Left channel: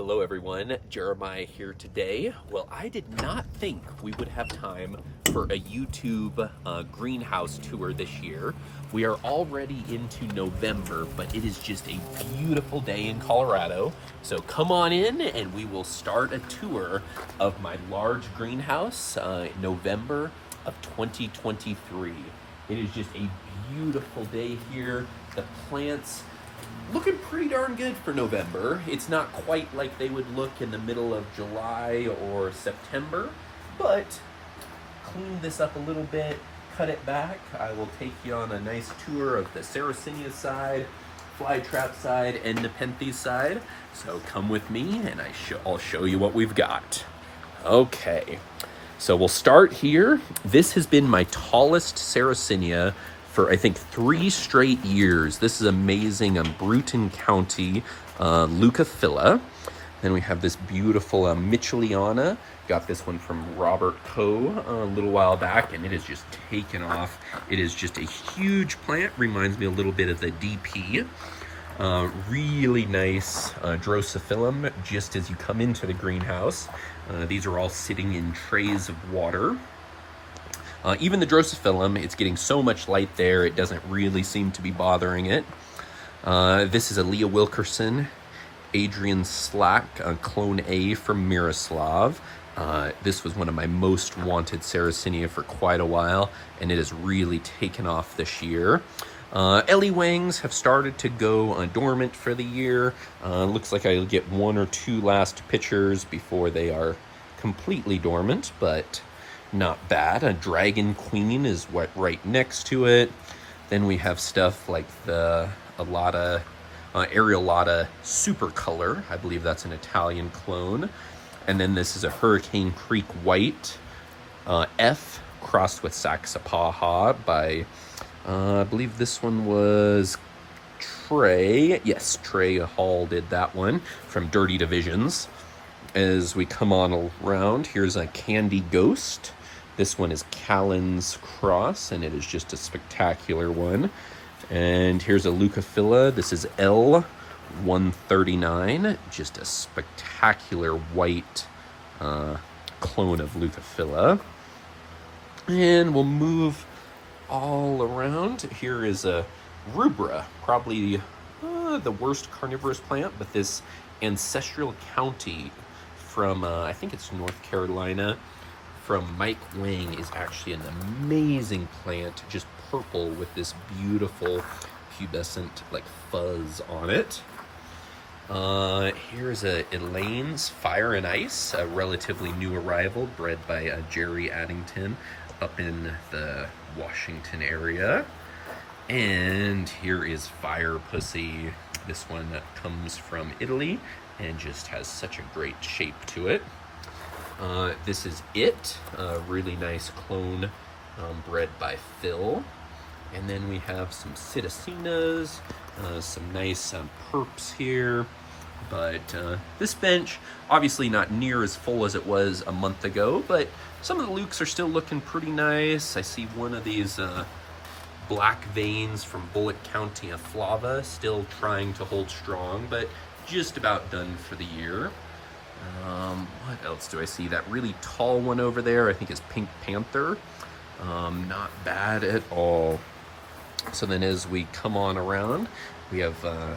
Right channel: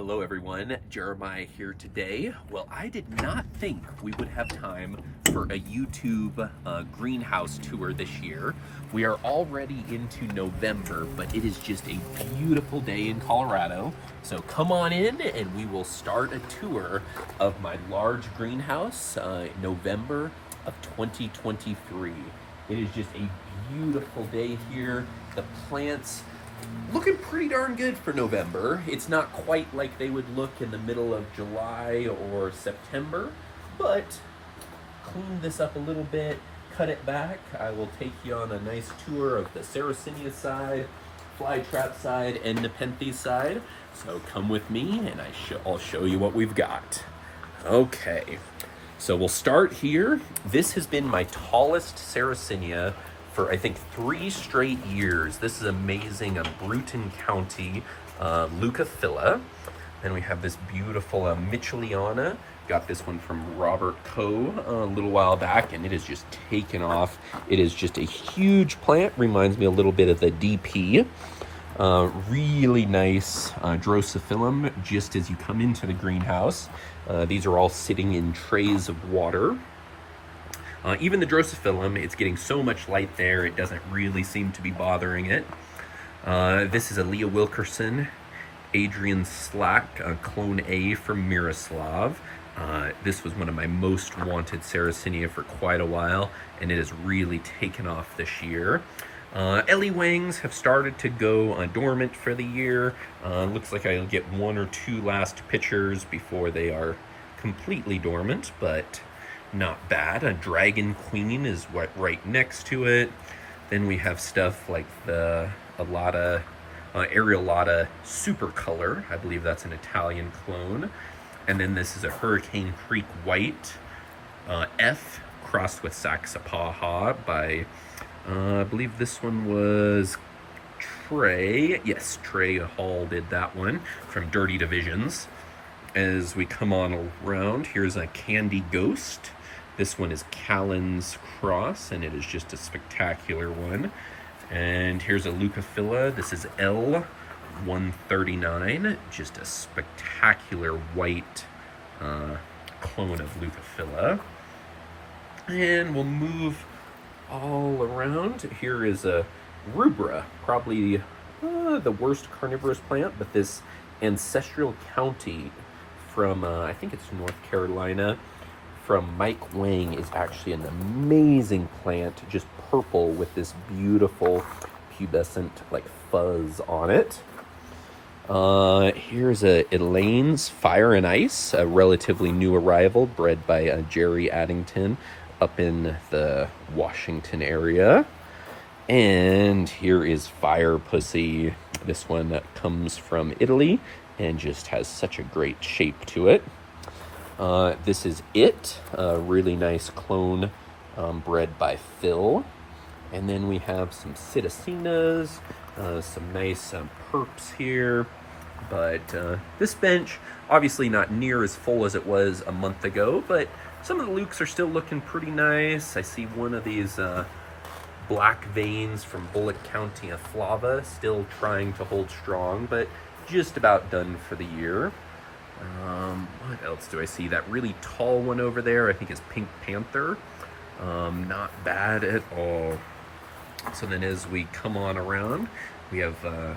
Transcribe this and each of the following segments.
Hello everyone, Jeremiah here today. Well, I did not think we would have time for a YouTube greenhouse tour this year. We are already into November, but it is just a beautiful day in Colorado. So come on in and we will start a tour of my large greenhouse, November of 2023. It is just a beautiful day here. The plants looking pretty darn good for November. It's not quite like they would look in the middle of July or September, but clean this up a little bit, cut it back. I will take you on a nice tour of the Sarracenia side, Flytrap side, and Nepenthes side. So come with me and I'll show you what we've got. Okay, so we'll start here. This has been my tallest Sarracenia for I think 3 straight years. This is amazing. Bruton County Leucophila. Then we have this beautiful Mitchelliana. Got this one from Robert Coe a little while back, and it has just taken off. It is just a huge plant. Reminds me a little bit of the DP. Really nice Drosophilum just as you come into the greenhouse. These are all sitting in trays of water. Even the Drosophilum, it's getting so much light there, it doesn't really seem to be bothering it. This is a Leah Wilkerson, Adrian Slack, Clone A from Miroslav. This was one of my most wanted Sarracenia for quite a while, and it has really taken off this year. Ellie Wangs have started to go dormant for the year. Looks like I'll get 1 or 2 last pictures before they are completely dormant, but not bad. A Dragon Queen is right next to it. Then we have stuff like the Areolata Super Color. I believe that's an Italian clone. And then this is a Hurricane Creek White F crossed with Saxapaha by, I believe this one was Trey. Yes, Trey Hall did that one from Dirty Divisions. As we come on around, here's a Candy Ghost. This one is Callan's Cross, and it is just a spectacular one. And here's a Leucophila. This is L139, just a spectacular white clone of Leucophila. And we'll move all around. Here is a Rubra, probably the worst carnivorous plant, but this Ancestral County from, I think it's North Carolina, from Mike Wang is actually an amazing plant, just purple with this beautiful pubescent like fuzz on it. Here's a Elaine's Fire and Ice, a relatively new arrival bred by Jerry Addington up in the Washington area. And here is Fire Pussy. This one comes from Italy and just has such a great shape to it. This is It, a really nice clone bred by Phil. And then we have some Citacenas, some nice perps here. But this bench, obviously not near as full as it was a month ago, but some of the lukes are still looking pretty nice. I see one of these black veins from Bullock County of Flava still trying to hold strong, but just about done for the year. What else do I see? That really tall one over there, I think is Pink Panther. Not bad at all. So then as we come on around, we have a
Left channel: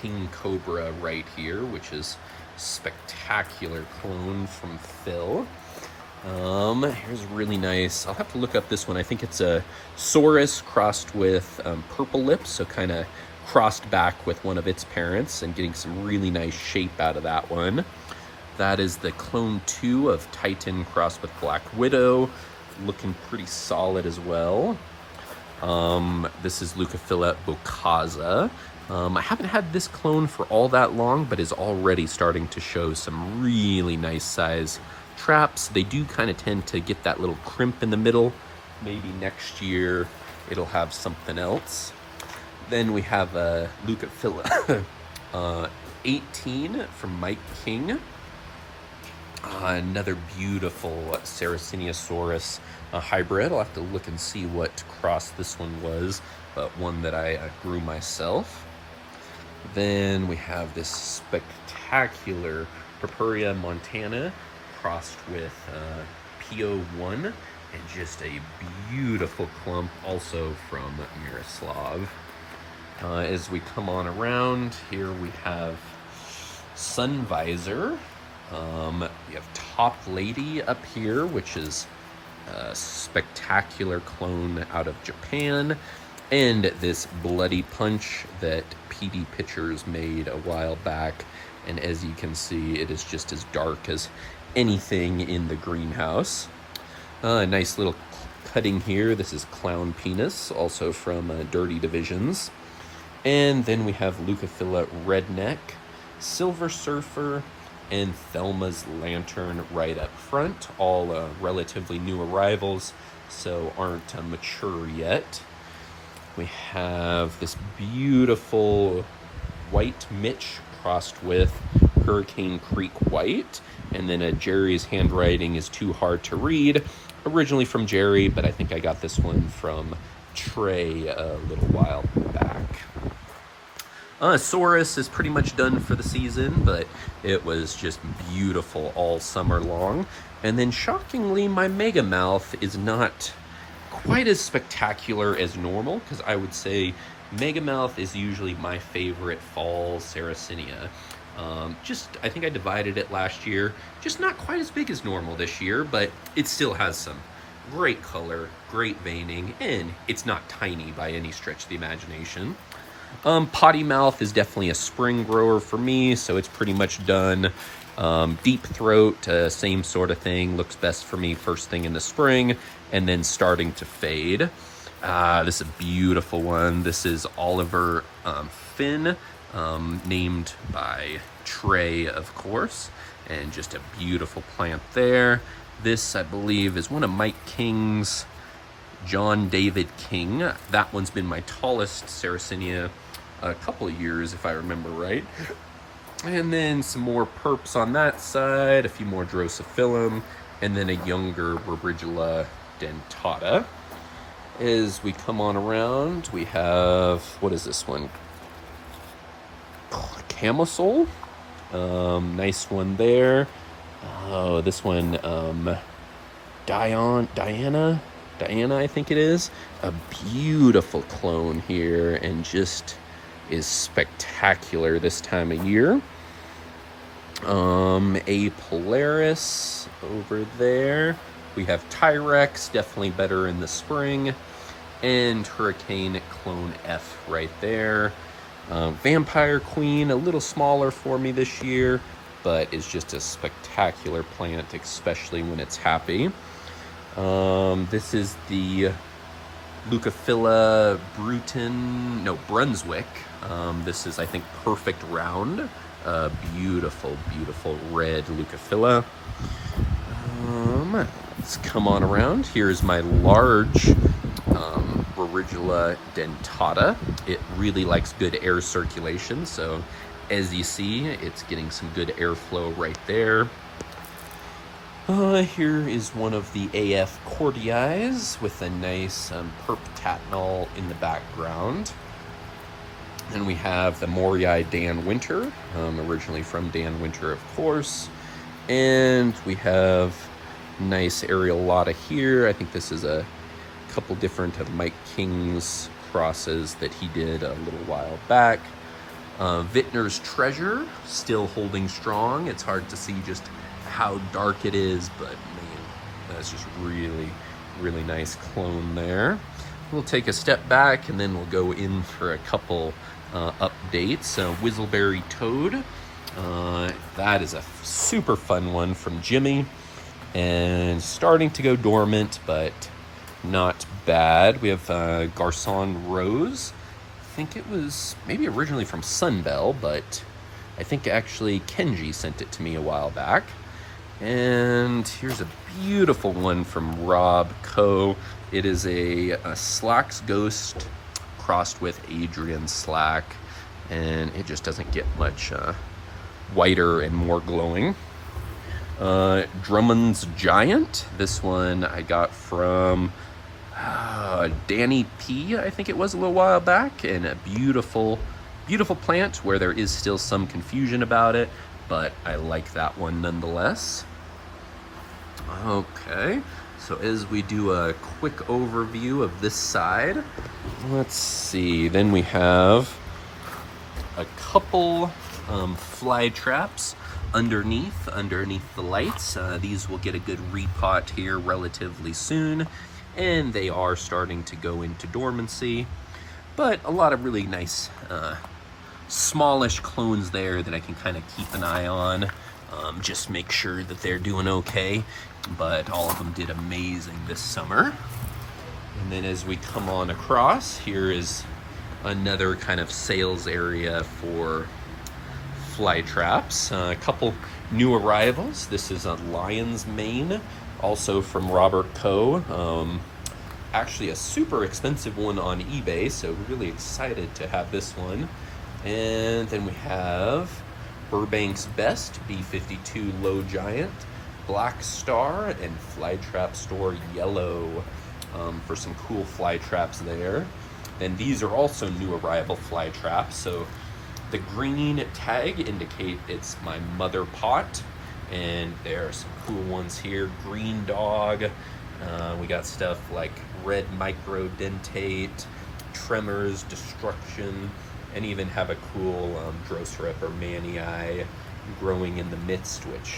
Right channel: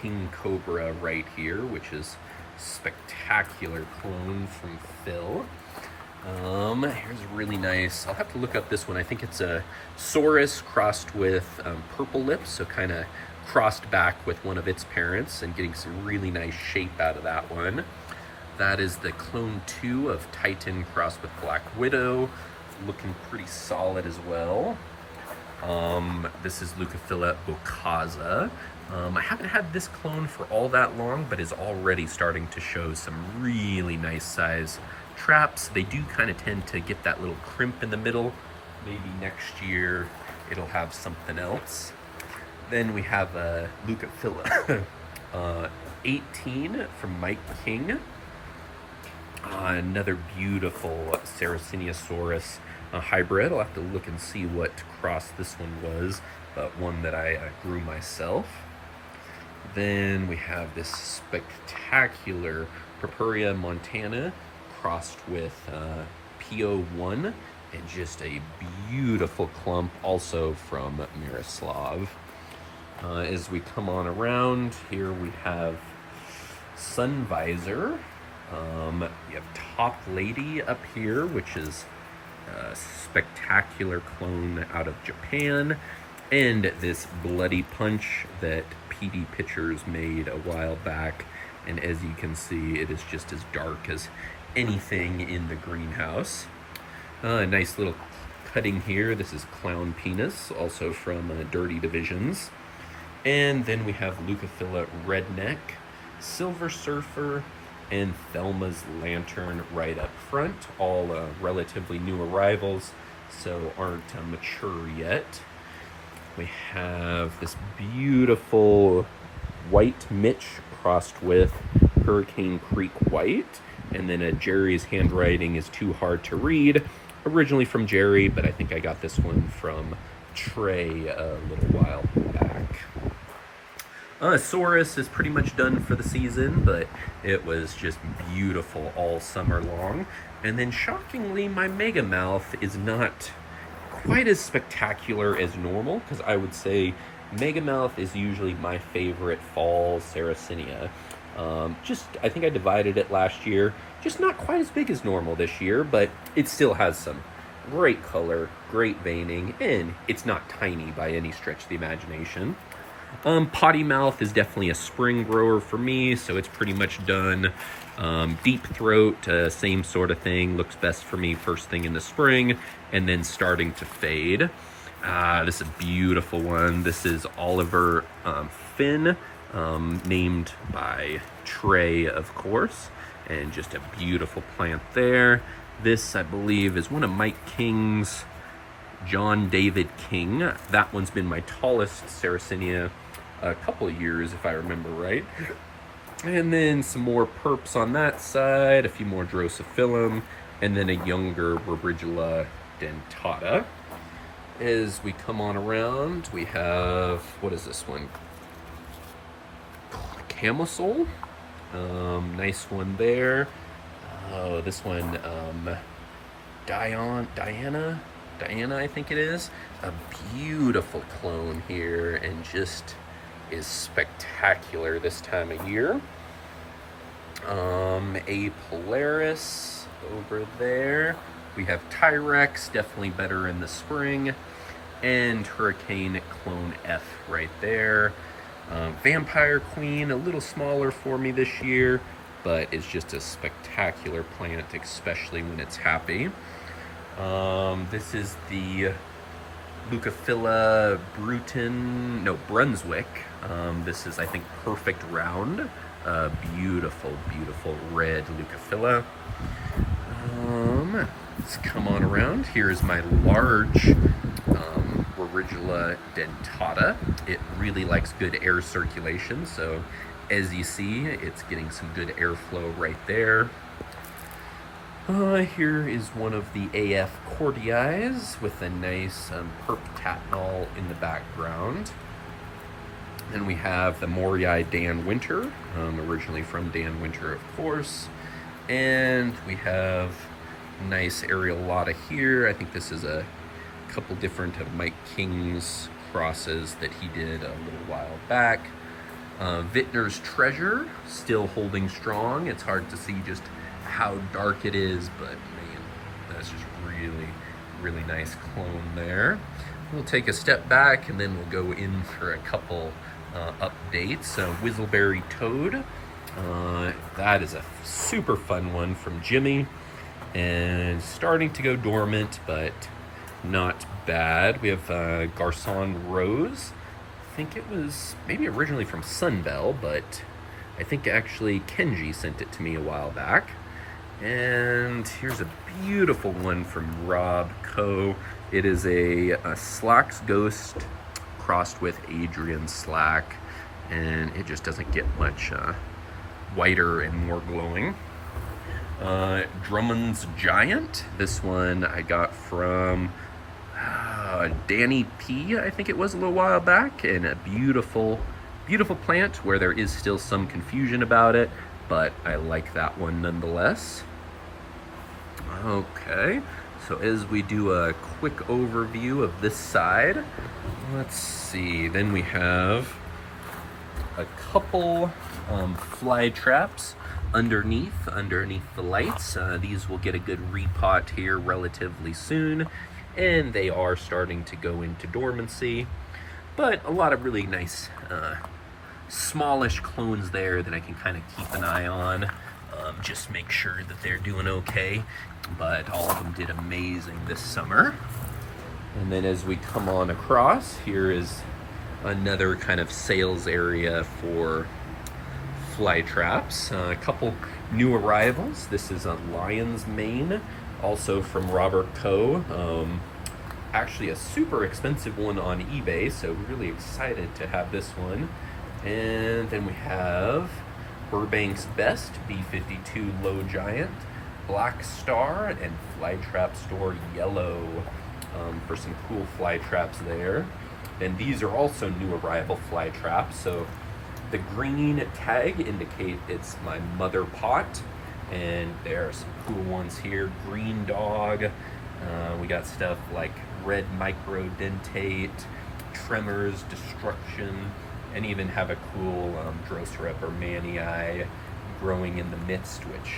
King Cobra right here, which is spectacular clone from Phil. Here's really nice. I'll have to look up this one. I think it's a Saurus crossed with Purple Lips, so kind of crossed back with one of its parents and getting some really nice shape out of that one. That is the Clone 2 of Titan crossed with Black Widow, looking pretty solid as well. This is Leucophila bocaza. I haven't had this clone for all that long, but is already starting to show some really nice size traps. They do kind of tend to get that little crimp in the middle. Maybe next year it'll have something else. Then we have a Leucophila 18 from Mike King. Another beautiful Sarraceniasaurus hybrid. I'll have to look and see what cross this one was, but one that I grew myself. Then we have this spectacular Purpurea Montana crossed with PO1, and just a beautiful clump also from Miroslav. As we come on around, here we have Sun Visor. We have Top Lady up here, which is a spectacular clone out of Japan. And this Bloody Punch that PD Pictures made a while back. And as you can see, it is just as dark as anything in the greenhouse. Nice little cutting here. This is Clown Penis, also from Dirty Divisions. And then we have Leucophila Redneck, Silver Surfer, and Thelma's Lantern right up front. All relatively new arrivals, so aren't mature yet. We have this beautiful White Mitch crossed with Hurricane Creek White. And then Jerry's handwriting is too hard to read. Originally from Jerry, but I think I got this one from Trey a little while back. Saurus is pretty much done for the season, but it was just beautiful all summer long. And then shockingly, my Megamouth is not quite as spectacular as normal, because I would say Megamouth is usually my favorite fall Sarracenia. I think I divided it last year. Just not quite as big as normal this year, but it still has some great color, great veining, and it's not tiny by any stretch of the imagination. Potty Mouth is definitely a spring grower for me, so it's pretty much done. Deep Throat, same sort of thing, looks best for me first thing in the spring, and then starting to fade. This is a beautiful one. This is Oliver Finn, named by Trey, of course, and just a beautiful plant there. This, I believe, is one of Mike King's, John David King. That one's been my tallest Sarracenia a couple of years, if I remember right. And then some more perps on that side, a few more Drosophilum, and then a younger Rubridula dentata. As we come on around, we have, what is this one? Camisole. Nice one there. Oh, this one, Diana, I think it is. A beautiful clone here, and just is spectacular this time of year. A Polaris over there. We have Tyrex, definitely better in the spring. And Hurricane Clone F right there. Vampire Queen, a little smaller for me this year, but is just a spectacular plant, especially when it's happy. This is the Leucophila Brunswick. This is, I think, Perfect Round. Beautiful, beautiful red Leucophila. Let's come on around. Here's my large Rubridula dentata. It really likes good air circulation, so as you see, it's getting some good airflow right there. Here is one of the AF Cordiais with a nice perp tatinol in the background. And we have the Morii Dan Winter, originally from Dan Winter, of course. And we have nice Areolata here. I think this is a couple different of Mike King's crosses that he did a little while back. Vintner's Treasure, still holding strong. It's hard to see just how dark it is, but man, that's just really, really nice clone there. We'll take a step back and then we'll go in for a couple updates. Whistleberry Toad, that is a super fun one from Jimmy, and starting to go dormant, but not bad. We have Garcon Rose. I think it was maybe originally from Sunbell, but I think actually Kenji sent it to me a while back. And here's a beautiful one from Rob Coe. It is a Slack's Ghost crossed with Adrian Slack, and it just doesn't get much whiter and more glowing. Drummond's Giant. This one I got from Danny P, I think it was, a little while back, and a beautiful beautiful plant where there is still some confusion about it, but I like that one nonetheless. Okay, so as we do a quick overview of this side, let's see, then we have a couple fly traps underneath the lights. These will get a good repot here relatively soon, and they are starting to go into dormancy, but a lot of really nice smallish clones there that I can kind of keep an eye on, just make sure that they're doing okay. But all of them did amazing this summer. And then as we come on across, here is another kind of sales area for fly traps. A couple new arrivals. This is a lion's mane, also from Robert Coe. Actually a super expensive one on eBay, so really excited to have this one. And then we have Burbank's Best B52 Low Giant, Black Star, and Flytrap Store Yellow, for some cool fly traps there. And these are also new arrival fly traps. So the green tag indicate it's my mother pot, and there are some cool ones here. Green Dog. We got stuff like Red Microdentate, Tremors, Destruction, and even have a cool Drosera or Manii growing in the midst, which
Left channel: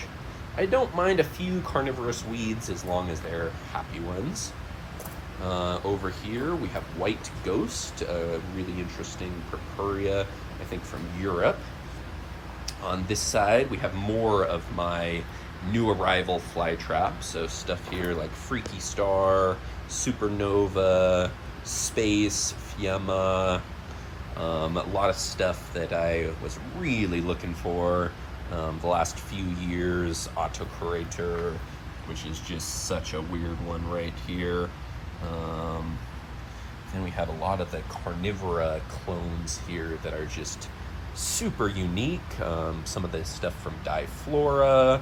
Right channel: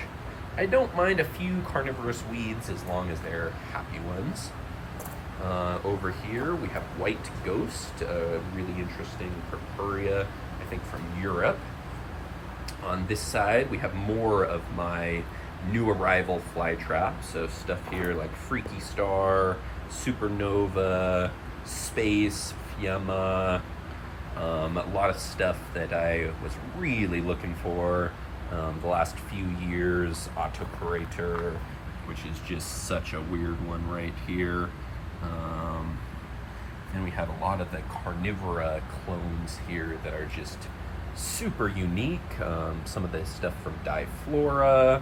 I don't mind a few carnivorous weeds as long as they're happy ones. Over here we have White Ghost, a really interesting Purpurea, I think from Europe. On this side we have more of my new arrival fly traps, so stuff here like Freaky Star, Supernova, Space, Fiamma, a lot of stuff that I was really looking for the last few years. Autocurator, which is just such a weird one right here. Then we have a lot of the Carnivora clones here that are just super unique. Some of the stuff from Diflora,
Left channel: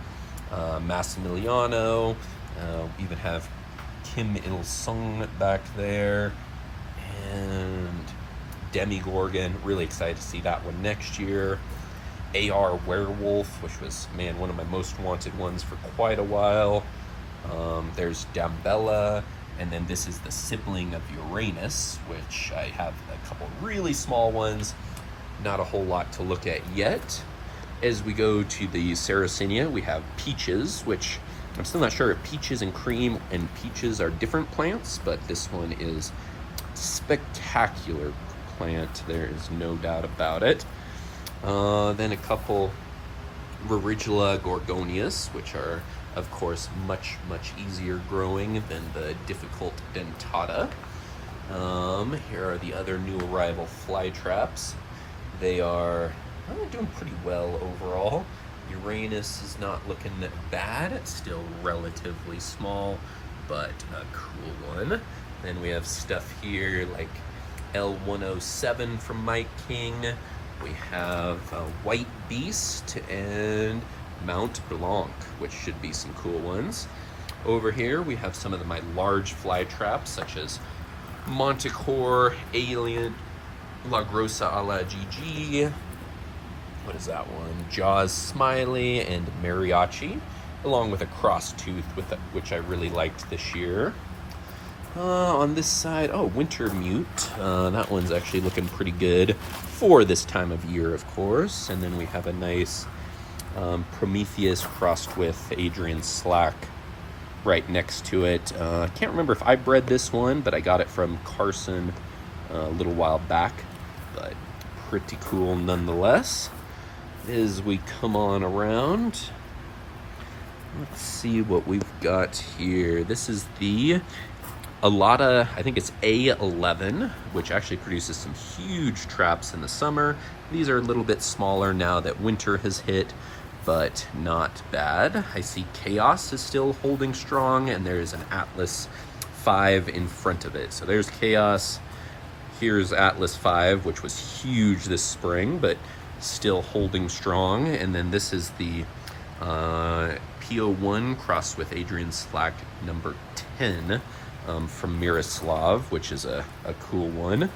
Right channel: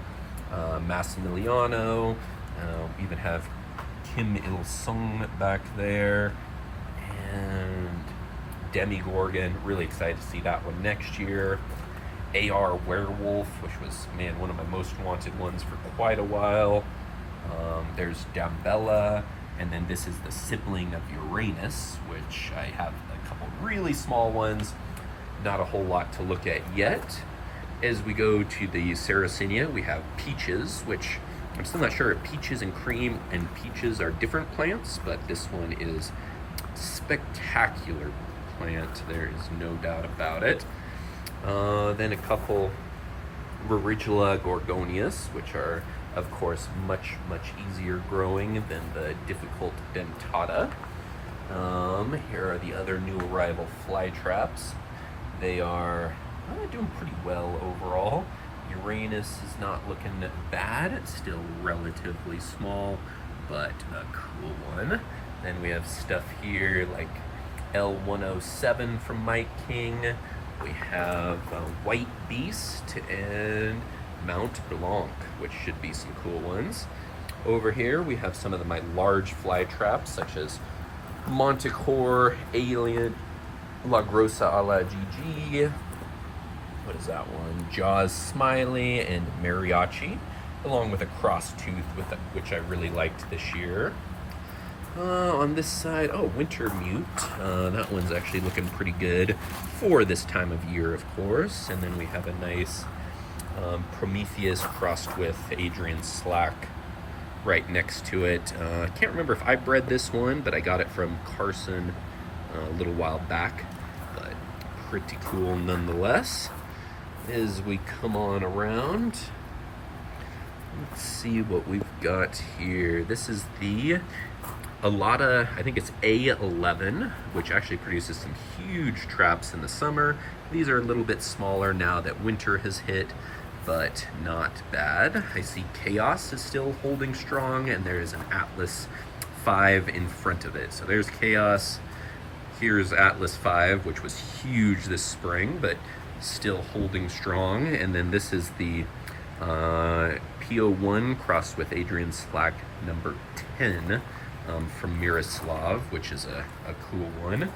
Massimiliano, even have Kim Il-sung back there, and Demigorgon. Really excited to see that one next year. AR Werewolf, which was, man, one of my most wanted ones for quite a while. There's Dambella, and then this is the sibling of Uranus, which I have a couple really small ones. Not a whole lot to look at yet. As we go to the Sarracenia, we have Peaches, which I'm still not sure if Peaches and Cream and Peaches are different plants, but this one is spectacular plant, there is no doubt about it. Then a couple Rigilla gorgonias, which are of course much easier growing than the difficult dentata. Here are the other new arrival fly traps. They are doing pretty well overall. Uranus is not looking that bad. It's still relatively small, but a cool one. Then we have stuff here like L107 from Mike King. We have White Beast and Mount Blanc, which should be some cool ones. Over here we have some of my large fly traps, such as Montecore, Alien, La Grossa a la GG. What is that one? Jaws Smiley and Mariachi, along with a cross tooth, which I really liked this year. On this side, Winter Mute. That one's actually looking pretty good for this time of year, of course. And then we have a nice Prometheus crossed with Adrian Slack right next to it. I can't remember if I bred this one, but I got it from Carson a little while back. But pretty cool nonetheless. As we come on around, let's see what we've got here. This is the Alata, I think it's A11, which actually produces some huge traps in the summer. These are a little bit smaller now that winter has hit, but not bad. I see Chaos is still holding strong, and there's an Atlas 5 in front of it. So there's Chaos. Here's Atlas 5, which was huge this spring, but still holding strong. And then this is the PO1 crossed with Adrian Slack number 10 from Miroslav, which is a cool one.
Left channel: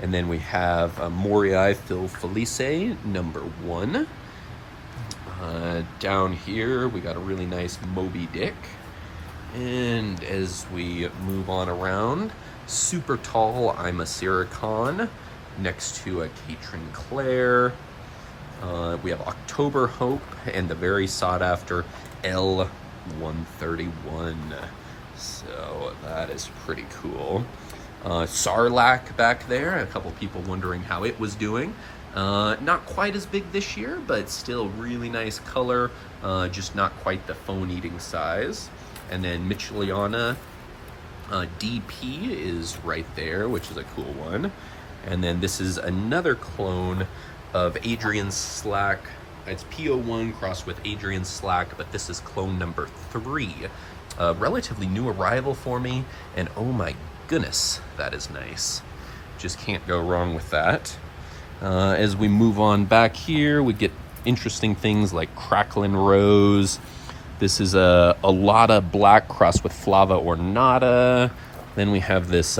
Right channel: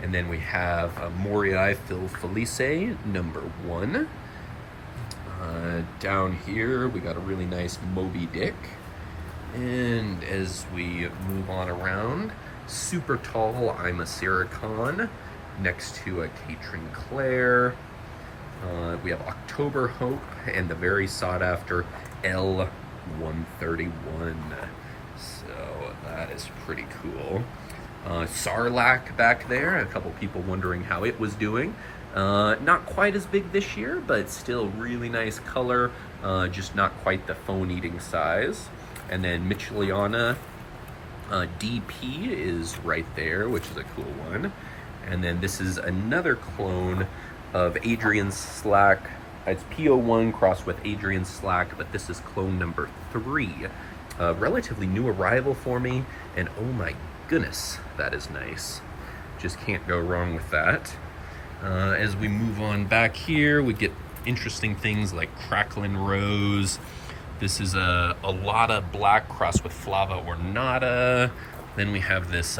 And then we have Morii Phil Felice, number 1. Down here, we got a really nice Moby Dick. And as we move on around, super tall, I'm a Sarracenia, next to a Catherine Claire. We have October Hope and the very sought after L131. So that is pretty cool. Sarlacc back there, a couple people wondering how it was doing. Not quite as big this year, but still really nice color, just not quite the phone-eating size. And then Micheliana DP is right there, which is a cool one. And then this is another clone of Adrian Slack. It's PO1 crossed with Adrian Slack, but this is clone number 3. Relatively new arrival for me, and oh my goodness, that is nice. Just can't go wrong with that. As we move on back here, we get interesting things like Crackling Rose. This is a Lotta Black crossed with Flava Ornata. Then we have this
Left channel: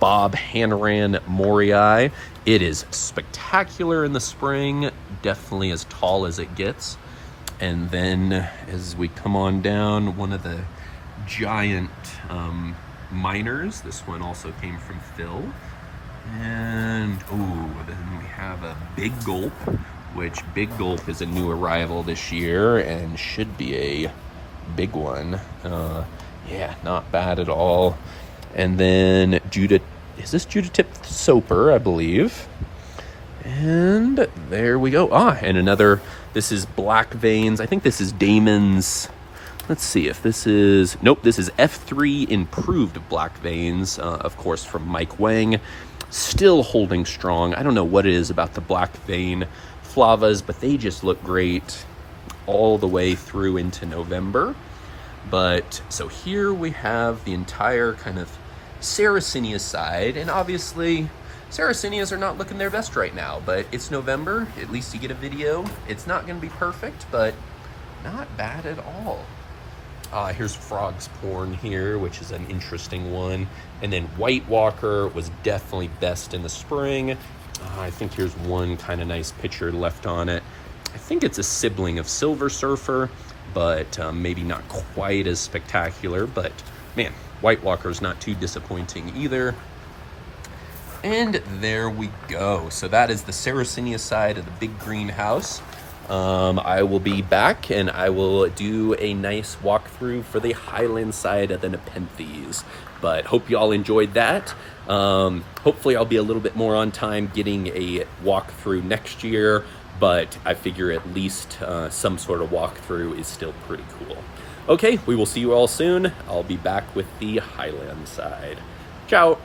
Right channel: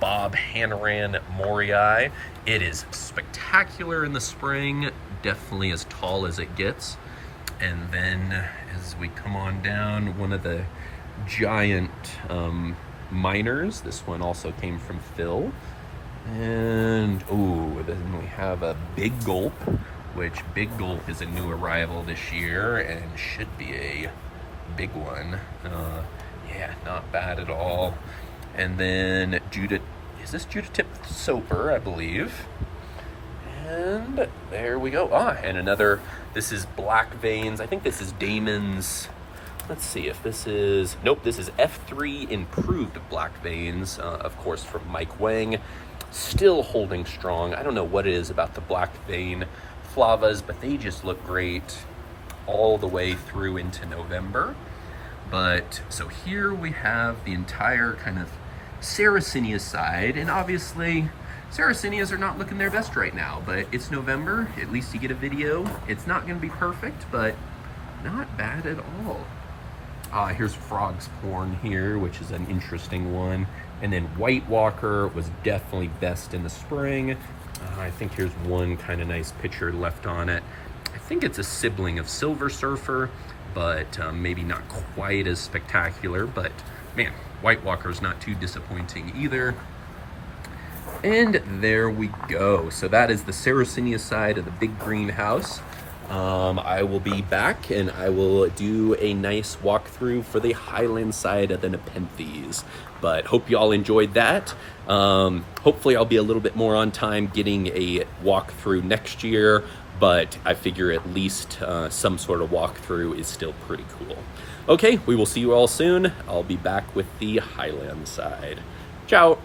Bob Hanran Morii. It is spectacular in the spring, definitely as tall as it gets. And then as we come on down, one of the giant miners. This one also came from Phil. And oh, then we have a Big Gulp, which Big Gulp is a new arrival this year and should be a big one. Yeah, not bad at all. And then is this Judith Soper, I believe. And there we go. And another, this is Black Veins. I think this is Damon's. Let's see if this is, nope, this is F3 Improved Black Veins, of course, from Mike Wang. Still holding strong. I don't know what it is about the Black Vein Flavas, but they just look great all the way through into November. But so here we have the entire kind of Sarracenia side, and obviously Sarracenias are not looking their best right now, but it's November, at least you get a video. It's not going to be perfect, but not bad at all. Here's Frog's Porn here, which is an interesting one. And then White Walker was definitely best in the spring. I think here's one kind of nice picture left on it. I think it's a sibling of Silver Surfer, but maybe not quite as spectacular. But man, White Walker's not too disappointing either. And there we go. So that is the Sarracenia side of the big greenhouse. I will be back and I will do a nice walkthrough for the Highland side of the Nepenthes. But hope you all enjoyed that. Hopefully I'll be a little bit more on time getting a walkthrough next year, but I figure at least some sort of walkthrough is still pretty cool. Okay, we will see you all soon. I'll be back with the Highland side. Ciao.